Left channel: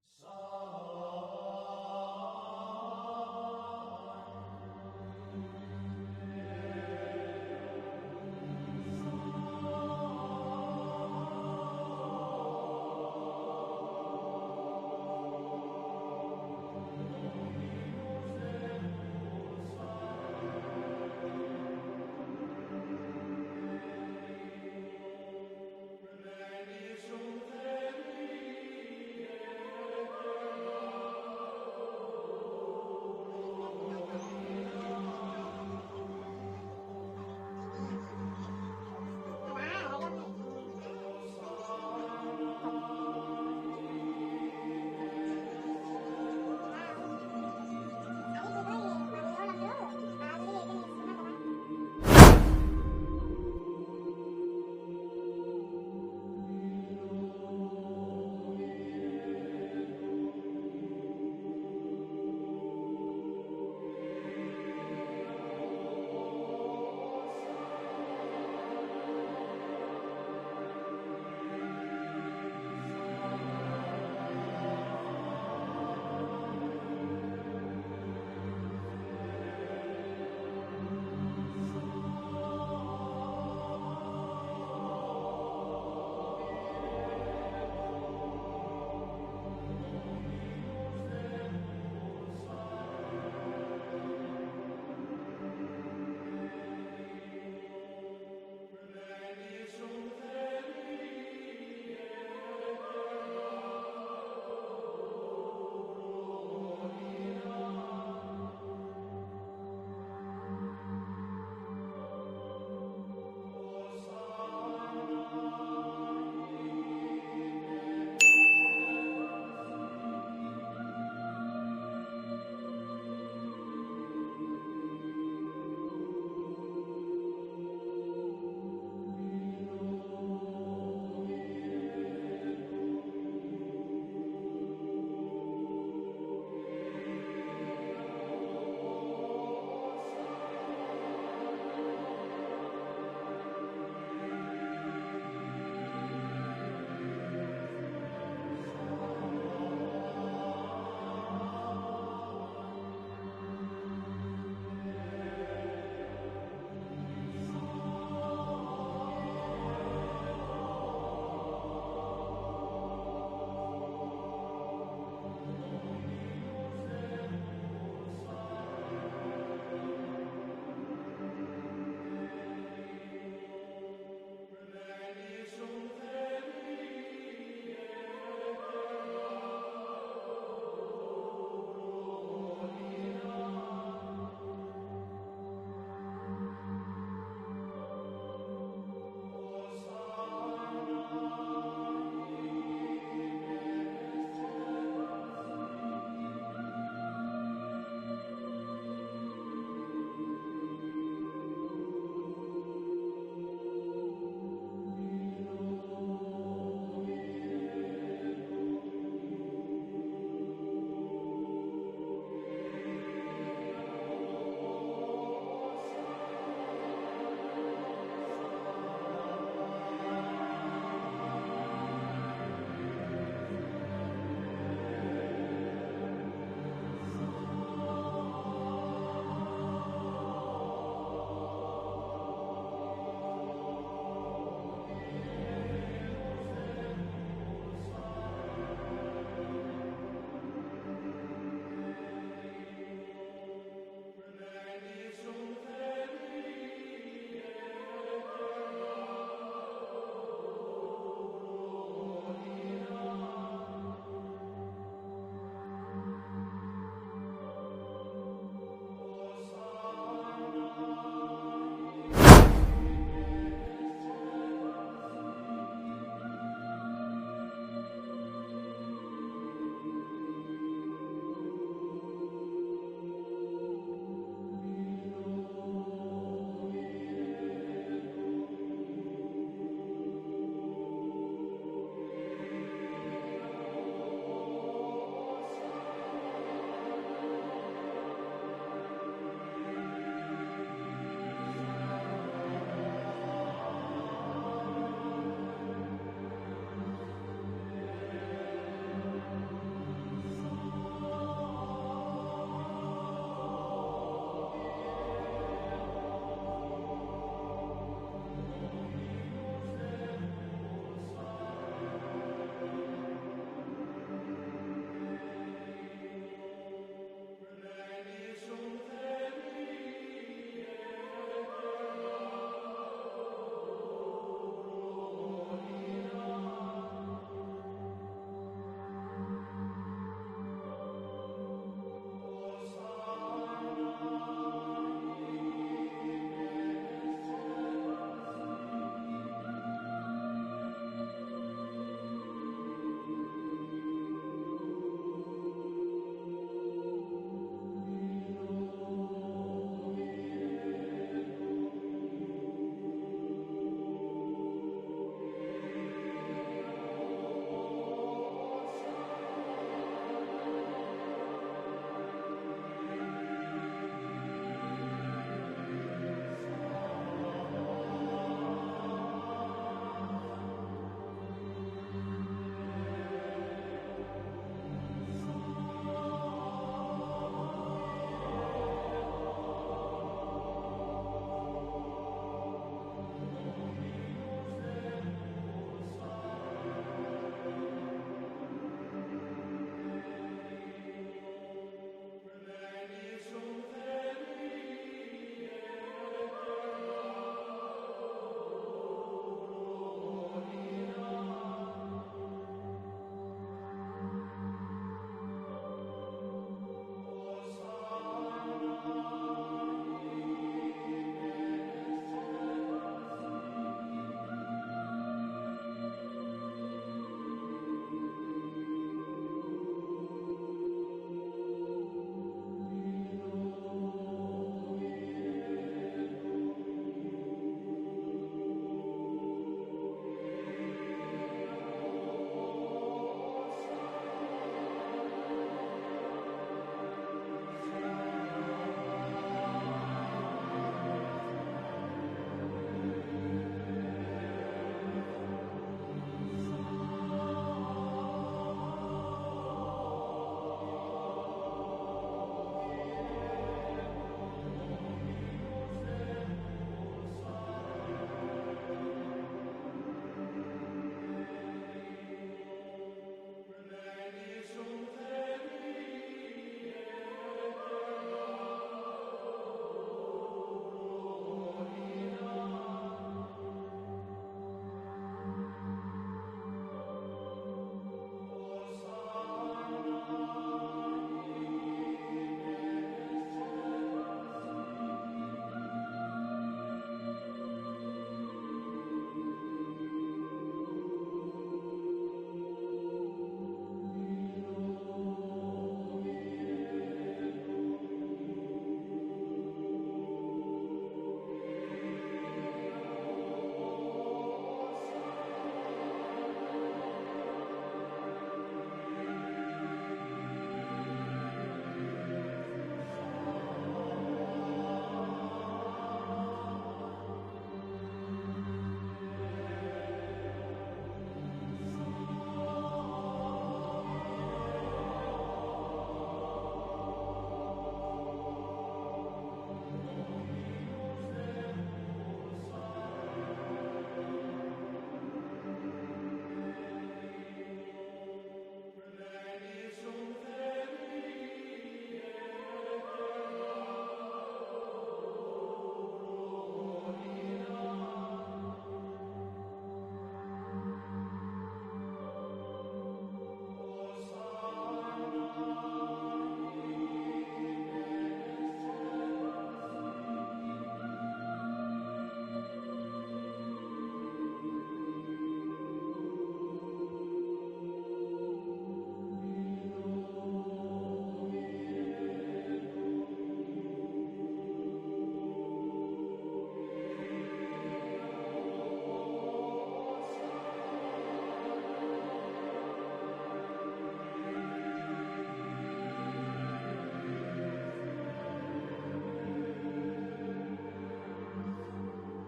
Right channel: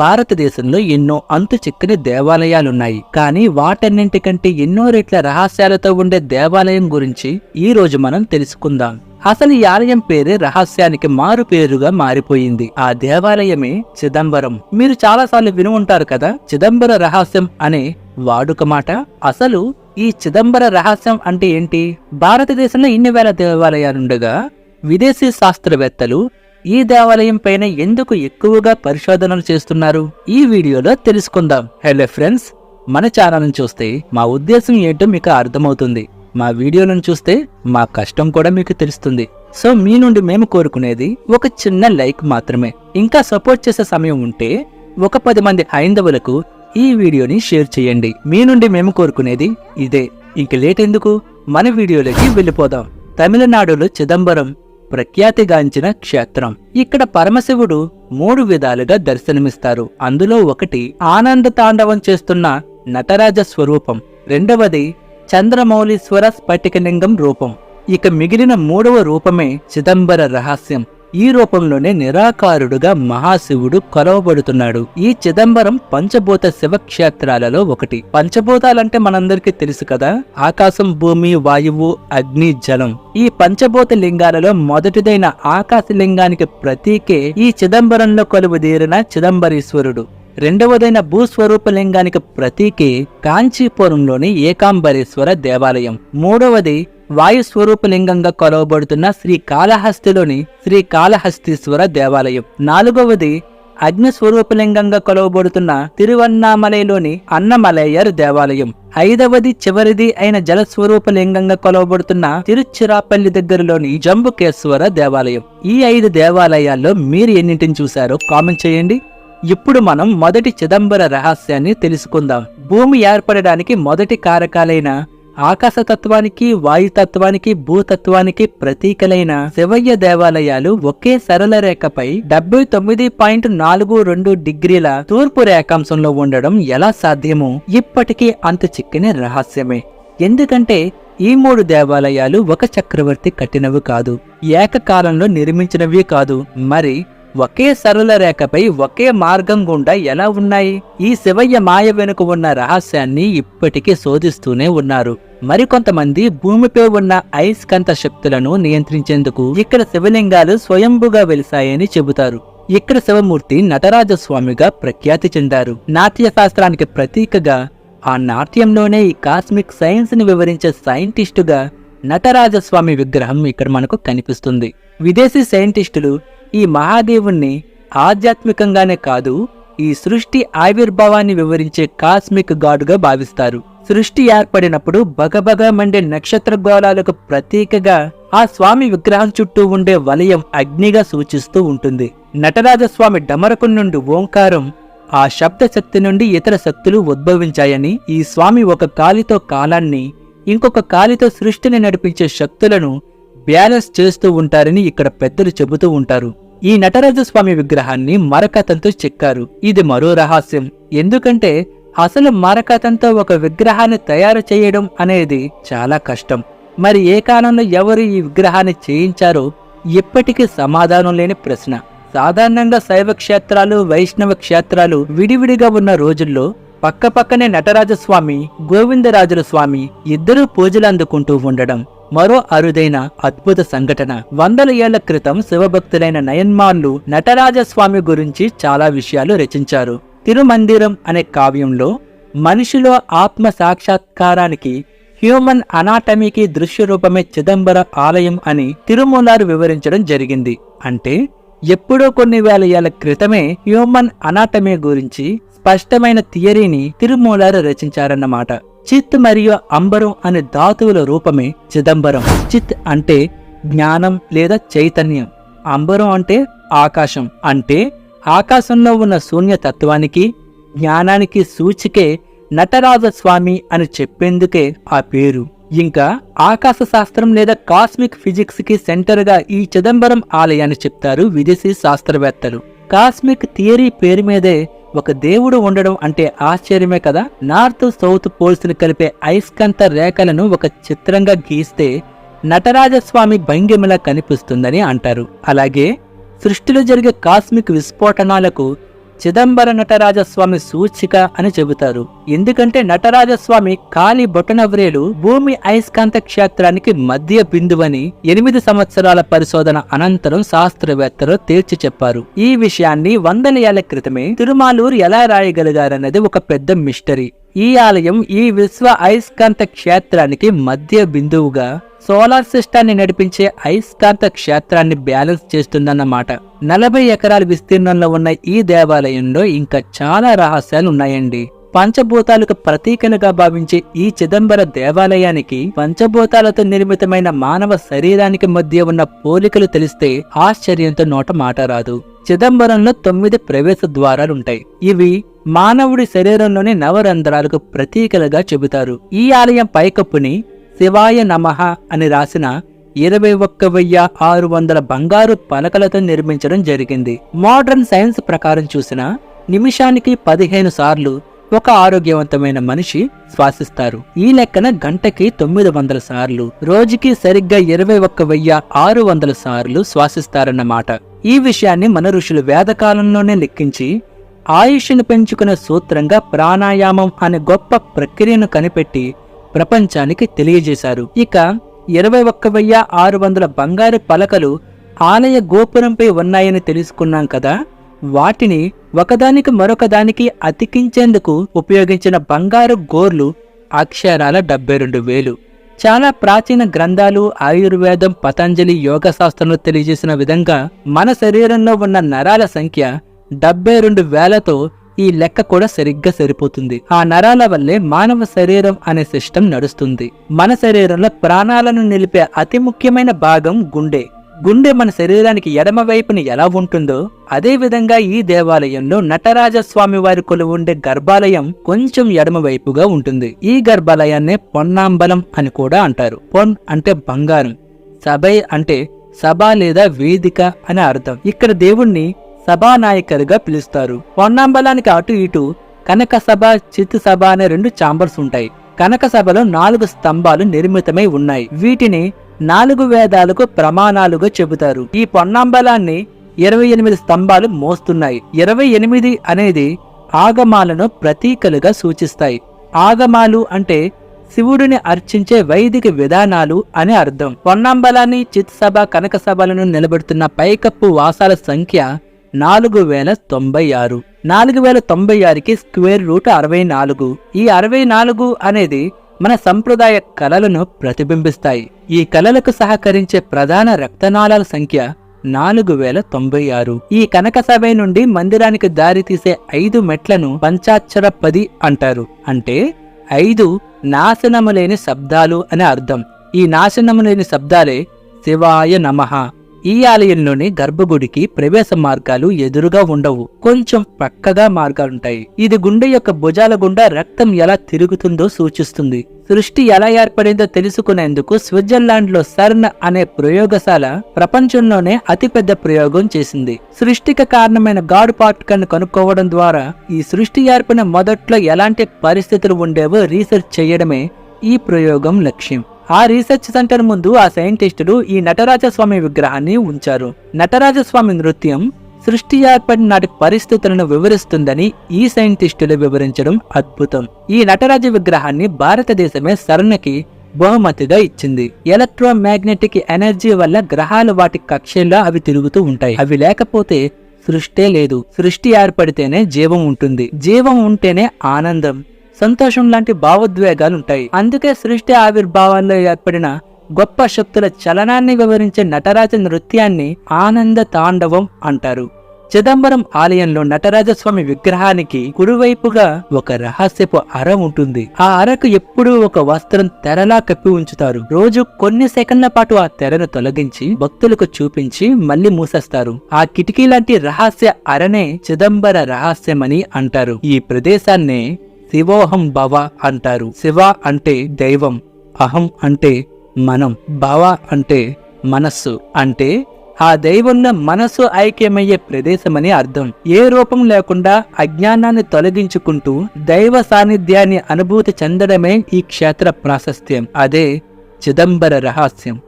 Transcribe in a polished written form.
భారతదేశంలో ఎన్నో అంతు చిక్కని దేవాలయాలున్నాయి. కానీ వాటన్నింటికంటే ఎన్నో రెట్ల రహస్యాలతో ఉండే దేవాలయం గురించి ఈ రోజు మనం తెలుసుకుందాం. అసలు ఈ ఆలయం పేరే రహస్యానికి మారు పేరుగా మారిపోయింది. ఆ దేవాలయమే చిదంబరం. మీరు చాలాసార్లు విని ఉంటారు కదా, చిదంబర రహస్యం అనే వాడుక మాట. అసలు ఈ చిదంబర రహస్యం అంటే ఏంటి? భారతదేశంలో ఇన్ని వేల దేవాలయాలుండగా విదేశీ శాస్త్రవేత్తలు ఈ దేవాలయం పైన ఎందుకు ఎక్కువగా పరిశోధనలు చేస్తున్నారు? ఈ వీడియోలో తెలుసుకుందాం. హలో ఫ్రెండ్స్, మన ఛానల్ని చూస్తే మా ఉద్దేశం ఏంటో మీకు అర్థమవుతుంది. మా వీడియోలను చూస్తే మా కష్టం కూడా మీకు తెలుస్తుంది. సో మీ నుండి మేము కోరుకునేది ఒక చిన్న లైక్ మాత్రమే. ఇంకా సపోర్ట్ చేసే సమయం ఉంటే ఒక 10 మంది హైందవులకు ఈ వీడియోని షేర్ చేయండి. మీ నుండి మేము కోరుకునేది ఇదే. ఇంక లేట్ ఎందుకు, మన వీడియోలోకి వెళ్ళిపోదాం. తమిళనాడులో చిదంబరం ప్రఖ్యాతిగాంచిన క్షేత్రం. ఇక్కడ పరమశివుడు 3 విధాలుగా దర్శనమిస్తారు. అందులో ఒకటి ఆనంద తాండవం చేస్తున్న నటరాజ స్వరూపం, రెండవది చంద్రమౌళీశ్వర స్ఫటికలింగం రూపం, ఇక మిగిలిన 3వ రూపమే చిదంబర రహస్యం. ఈ రూపంలోనే నిరాకారుడుగా మహాశివుడు కొలవబడుతున్నాడు. ఈ చిదంబరం పంచభూత శివక్షేత్రాలలో ఒకటి. పంచభూతాలంటే మనందరికీ తెలుసు కదా, ఆకాశం, భూమి, వాయువు, అగ్ని, జలం. ఈ పంచభూత లింగాలలో మొదటిదైన ఆకాశ లింగానికి ప్రతీకే ఈ చిదంబరంలో కొలువుదీరిన చిదంబరీశ్వరుడు. రెండవదైన భూస్వరూప లింగానికి ప్రతీకే కాంచీపురంలోని ఏకాంబరేశ్వర దేవాలయం. మూడవది వాయుస్వరూపలింగంగా కొలవబడుతున్న శ్రీకాళహస్తిలోని శ్రీకాళహస్తీశ్వర దేవాలయం. నాలుగవది అగ్నిస్వరూపలింగంగా కొలవబడుతున్న తిరువన్నామలైలోని అన్నమలయ్యర్ దేవాలయం. ఐదవది చివరిది అయిన జలస్వరూపలింగంగా కొలవబడుతున్న తిరుచిరాపల్లి దగ్గరలోని జంబుకేశ్వర దేవాలయం. ఈ 5 దేవాలయాల్లో మీరు ఎన్నింటిని చూశారో కామెంట్ చేయండి. ఇప్పుడు మనం మొదటి చిదంబర రహస్యాన్ని తెలుసుకుందాం. భూమి ఏర్పడడానికి మొదటి కారకాలైన ఆకాశతత్వానికి, వాయుతత్వానికి, భూతత్వానికి ప్రతీకలైన శివయ్య దేవాలయాలు ఒకే సరళ రేఖపై 79.42 డిగ్రీల తూర్పు రేఖాంశంలో ఉండడం ఎలా సాధ్యమో ఇప్పటికీ అంత చిక్కని రహస్యమే. ఎందుకంటే ఈ 3 దేవాలయాలు ఒక చక్రవర్తి కట్టినవి కాదు, ఏకకాలంలో నిర్మించినవి కాదు, మరి ఒకే సరళ రేఖపై ఒకే మార్గం గుండా ఎలా ఉన్నాయి? ఈ శివయ్య మాయ వెనుక ఉన్న రహస్యాన్ని ఇప్పటికీ శోధిస్తూనే ఉన్నారు. మరికొంతమంది భూమిపై ఉన్న అయస్కాంత శక్తులను నియంత్రించేందుకు ఇక్కడ శివలింగాలు స్వయంభుగా వెలిశాయని చెబుతారు. ఇక్కడ శివమూర్తి నటరాజస్వామిగా ప్రఖ్యాతి చెందారు. నాట్య శాస్త్రానికి ప్రతీకగా, ఆ నాట్యంలోనే ఈ కాస్మిక్ సైన్స్ ని వివరించే సైంటిస్టుగా నటరాజస్వామి విగ్రహం ఇక్కడ మనకు కనిపిస్తుంది. విదేశీ సైంటిస్టులు ఈ మహాదేవుణ్ణి ఆధ్యాత్మికంగానే కాదు, ఈ సృష్టి ఆవిర్భావాన్ని వివరించే కాస్మిక్ గాడ్గా భావిస్తారు. సృష్టి ఏర్పడినప్పుడు బగబగ మండే నక్షత్ర గోళాలకు ప్రతీకగా ఆ స్వామి విగ్రహం చుట్టూ ఉండే వలయం అగ్నిగా సూచిస్తూ ఉంటుంది. నటరాజస్వామి డమరకం నుండి ఓంకారం, ఆ శబ్ద శక్తి నుండి ఇతర శక్తులు ఉద్భవించాయని, ఈ స్వామి ఒక కాలితో కాలాన్ని, ఇంకొక కాలితో సృష్టిని నడిపించే శక్తులను బ్యాలెన్స్ చేస్తూ ఉంటారని ఇక్కడ పెద్దలు చెబుతూ ఉంటారు. ఈ నటరాజస్వామి విగ్రహాన్ని మరకతంతో చెక్కారు. ఇది మరో రహస్యం. ఎందుకంటే అసలు మరకతంతో ఒక విగ్రహాన్ని తయారు చేయడం అనేది చాలా కష్టం. మరి ఏ కాలంలో ఎవరు ఈ విగ్రహాన్ని చేయించారో ఇప్పటికీ సమాధానం లేని ప్రశ్న. సాధారణంగా శైవ క్షేత్రాలు, వైష్ణవ క్షేత్రాలు విడివిడిగా ఉన్న రోజుల్లో పక్కపక్కనే నటరాజస్వామి, గోవిందరాజుల స్వామి ఇద్దరూ పూజలు అందుకుంటూ ఉండడం మరో అరుదైన అద్భుత సంఘటన. 100 ఏళ్ల క్రితం శివభక్తులైన నయన్మాల్లు నటరాజస్వామి గురించి చాలా విషయాలు రచించారు. తిరుమందిరం అనే కావ్యంలో మనిషిలో ఆత్మ సాక్షాత్కారానికి, హ్యూమన్ అనాటమీకి దృశ్య రూపమే చిదంబర ఆలయం అని తిరుమూలారు వివరించడం జరిగింది. అంటే ఎప్పుడో కొన్ని వేల ఏళ్ల క్రితమే హ్యూమన్ అనాటమీ గురించి స్పష్టమైన థియరీని తిరుమూలారు రచించారన్నమాట. చిత్ మరియు అంబరం అనే ధాతువుల రూపమే చిదంబరం. చిత్ అంటే జ్ఞానం లేదా చైతన్యం, అంబరం అంటే ఆకాశం. అంటే ఆకాశంలో ఉన్న శూన్యతత్వానికి, జ్ఞానానికి సూచికే నటరాజస్వామి అని చెప్పేందుకే ఆ పేరు. ఇంకా ఆకాశ శాస్త్రం లేదా కాస్మిక్ ఫిజిక్స్ కి సెంటర్ గా ఈ చిదంబరం ఆలయాన్ని చెప్తారు విదేశీ శాస్త్రవేత్తలు. కాస్మిక్ థియరీ పేరు మీదే ఒక దేవుడు ఉండడం అంటే ఆశ్చర్యమే కదా. నార్త్ సౌత్ పోల్స్ ని కలిపే అయస్కాంత రేఖలను ఒక చిత్రంగా గీస్తే నటరాజస్వామి భంగిమలా కనిపిస్తుందని అంటారు. అలాగే సృష్టిలో జరిగే కాస్మిక్ విస్ఫోటనాలకు చిదంబర నటరాజస్వామి సూచిక అని చెబుతారు. ఎందుకంటే నటరాజస్వామి కాలి బొటనవ్రేలు భూమి అయస్కాంత క్షేత్రానికి మధ్య బిందువని 8 సంవత్సరాల పరిశోధన అనంతరం శాస్త్రవేత్తలు తేల్చి చెప్పారు. ఈ విషయాన్ని వందల ఏళ్ల క్రితమే తిరుమాలూరు ఎలా రాయగలిగారన్నది ఒక పెద్ద మిస్టరీ. ఈ ఆలయం ఈ విశ్వ అయస్కాంత క్షేత్రానికి మధ్య బిందువుగా సోలార్ సిస్టాన్ని నడిపించే అయస్కాంత క్షేత్రాన్ని బ్యాలెన్స్ చేస్తుందన్నమాట. 40 ఎకరాల విస్తీర్ణంలో ఉన్న ఈ దేవాలయంలో ఇంకా చాలా రహస్యాలు ఉన్నాయండి. పంచభూతాలకు ప్రతీకలుగా భావించే ఈ చిదంబర దేవాలయానికి పంచభూతాలతో నిర్మితమైన మానవ శరీరానికి మధ్య ఉన్న పోలికలు తెలిస్తే ఆశ్చర్యంతో నోట మాట రాదు. చిదంబరంలో 9 ప్రవేశ ద్వారాలుంటాయి. ఇవి మానవుడి శరీరంలోని నవరంధ్రాలకు ప్రతీకలుగా చెబుతారు. ఈ ఆలయం పైకప్పుని శివాయ నమః అని రాసిన 21,600 బంగారు పలకలతో నిర్మించడం జరిగింది. మోడర్న్ సైన్స్ ప్రకారం చూసినా నిమిషానికి 15 సార్లు ఒక ఆరోగ్యవంతమైన మనిషి శ్వాసిస్తారు. ఈ లెక్కన గంటకి 900 సార్లు, రోజుకి సరిగ్గా 21,600 సార్లు శ్వాసిస్తారన్నమాట. ఈ విషయాన్ని మన ఋషులు వేదకాలంలోనే లెక్కించి ఆయుష్ను పెంచుకునే సూత్రంగా ప్రాణాయామం అనే గొప్ప ప్రక్రియను కనిపెట్టి ప్రపంచానికి తెలియజేశారు. ఇక 21,600 బంగారు పలకలు ఆలయ గోపురంపై ఉన్నాయని తెలుసుకున్నాం కదా. వాటిని ఒకదానికి మరొకదానికి అతికించేందుకు ఉపయోగించిన బంగారు గోర్లు అక్షరాల 72,000. చాలా ప్రాచీన గ్రంథాలు, ఆయుర్వేదం, పతంజలి యోగ శాస్త్రంలో తెలియజేసిన విధంగా మన శరీరంలో ఉన్న నరాల సంఖ్య 72,000తో ఈ లెక్క కూడా సరిగ్గా సరిపోతుంది. ఆ నరాల వల్లే మానవ శరీరం అనే సిస్టమ్ నడుస్తుంది. మన శరీరంలో ప్రాణాలను నిలిపే అతి ముఖ్యమైన భాగం గుండె. గుండె మన శరీరానికి ఎడమ వైపుని ఎలా ఉంటుందో అదే విధంగా ఈ దేవాలయంలో నటరాజస్వామి వారి కొలువు ఉండే గర్భాలయం కొంచెం ఎడమ వైపుగా ఉంటుంది. ఈ గర్భాలయాన్నే పొన్నాంబలం అని కూడా అంటారు. పొన్ అంటే బంగారం, సభై అంటే సభ లేదా వేదిక అని అర్థం. ఇక్కడ దేవుణ్ణి సభానాయకరుగా పిలుస్తారు. పొన్నాంబలానికి అటు ఇటు కనక సభ, చిత్తు సభ అనే 2 ఛాంబర్స్ ఉంటాయి. కనక సభలో 4 స్తంభాలు నిర్మితమై ఉన్నాయి. వీటిని 4 వేదాలకు ప్రమాణాలుగా చెబుతారు. ఈ పొన్నాంబలాన్ని 28 స్తంభాలు మోస్తున్నాయి. 28 అనేది ఆగమాలను ప్రతీకలుగా సూచిస్తాయి. ఆగమాలు అంటే శివుడిని అర్చించే వైదిక విధానాలు అని అర్థం. పొన్నాంబలాన్ని, చిత్ సభ, కనక సభలను నిలబెడుతున్న పైకప్పు వాసాల సంఖ్య 4096. 4096కి స్క్వేర్ రూట్ 64. ఈ 64 అనేది మన సంప్రదాయ కళలను ప్రతిబింబిస్తాయి. ఈ కళలకు సహకరించే ప్రధాన రక్తనాళాల సంఖ్య 4096. ఈ కనక సభ నుండి మందిరానికి దారి తీసే 5 మెట్లను పంచాక్షర 10 అంటారు. అంటే 5 నాశనము లేని శబ్దాలు అని అర్థం. ఈ నాశనము లేని శబ్దాలే శివాయ నమః. ఈ ఆలయంలోని గర్భగుడికి ప్రవేశ మార్గాలు ఎదురుగా ఉండవు, కొంచెం పక్కగా మార్గాలుంటాయి. ఇది గుండె యొక్క భుజాల గుండా రక్తం ఎలా తిరుగుతుందో సూచిస్తుంది. సృష్టి ఎలా ఏర్పడిందో తెలుసుకునేందుకు స్విట్జర్లాండ్ లో సర్న్ అనే ప్రయోగశాల ప్రపంచంలోనే అతిపెద్ద ప్రయోగం చేసింది. సృష్టికి కారణమైన గాడ్ పార్టికల్ ను కనుక్కోవడం ద్వారా ఈ సృష్టి ఏర్పడిన మొదట్లో ఎలాంటి పరిస్థితులు ఉండేవో రీసెర్చ్ చేయడమే ఈ ప్రయోగం లక్ష్యం. ఆ రీసెర్చ్ సెంటర్ ముందు ఆ సైంటిస్టులు ఈ నటరాజస్వామి విగ్రహాన్ని ఉంచారు. నటరాజస్వామి నృత్యం సృష్టి ఏర్పడిన నాటి పరిస్థితులను వివరిస్తుందని ఈ సైంటిస్టులు వివరించడం అద్భుతం. ఈ నటరాజ విగ్రహాన్ని భారతదేశమే సర్న్కి బహుమతిగా ఇచ్చింది. ఎలక్ట్రోమాగ్నెటిక్ ఎనర్జీ వల్ల గ్రహాలు వాటి కక్షల్లో అవి తిరుగుతూ ఉంటాయి. అవి లేకపోతే సృష్టే లేదు. సృష్టి ఏర్పడితేనే జీవం ఉంటుంది. జీవం ఉంటేనే ఆనందం, సంతోషం లాంటి భావోద్వేగాలుంటాయి. అందుకే సృష్టి ఆవిర్భావాల్లో ఏర్పడిన గొప్ప శక్తుల చలనాన్ని వివరించే నటరాజ నృత్యాన్ని ఆనంద తాండవం అంటారు. చిదంబరం ఆలయంలో నటరాజస్వామి విగ్రహానికి కుడివైపుగా ఒక రహస్యపు అర ఉంటుంది. ఆ అరకు ఎప్పుడూ ఒక వస్త్రం తెరలా కప్పి ఉంచుతారు. రోజు కొన్ని సెకండ్ల పాటు ఆ తెరను తొలగించి భక్తులకు చూపించి మళ్లీ మూసేస్తారు. ఆ కిటికీ లాంటి రహస్య అరనే చిదంబర రహస్యమని అంటారు. ఈ ప్రదేశాన్నే శివోహం భవ అంటారు. శివ అంటే దైవం, అహం అంటే మనం, భవ అంటే మనస్సు, అంటే ఆ దైవంలో మనసు ఐక్యమయ్యే ప్రదేశమని అర్థం. ఏ రూపం లేకుండా అజ్ఞానాన్ని తొలగించుకుంటూ దైవ సాన్నిధ్యాన్ని అనుభూతి చెందడమే ఈ క్షేత్ర ప్రాశస్త్యం. అదే చిదంబర రహస్యం.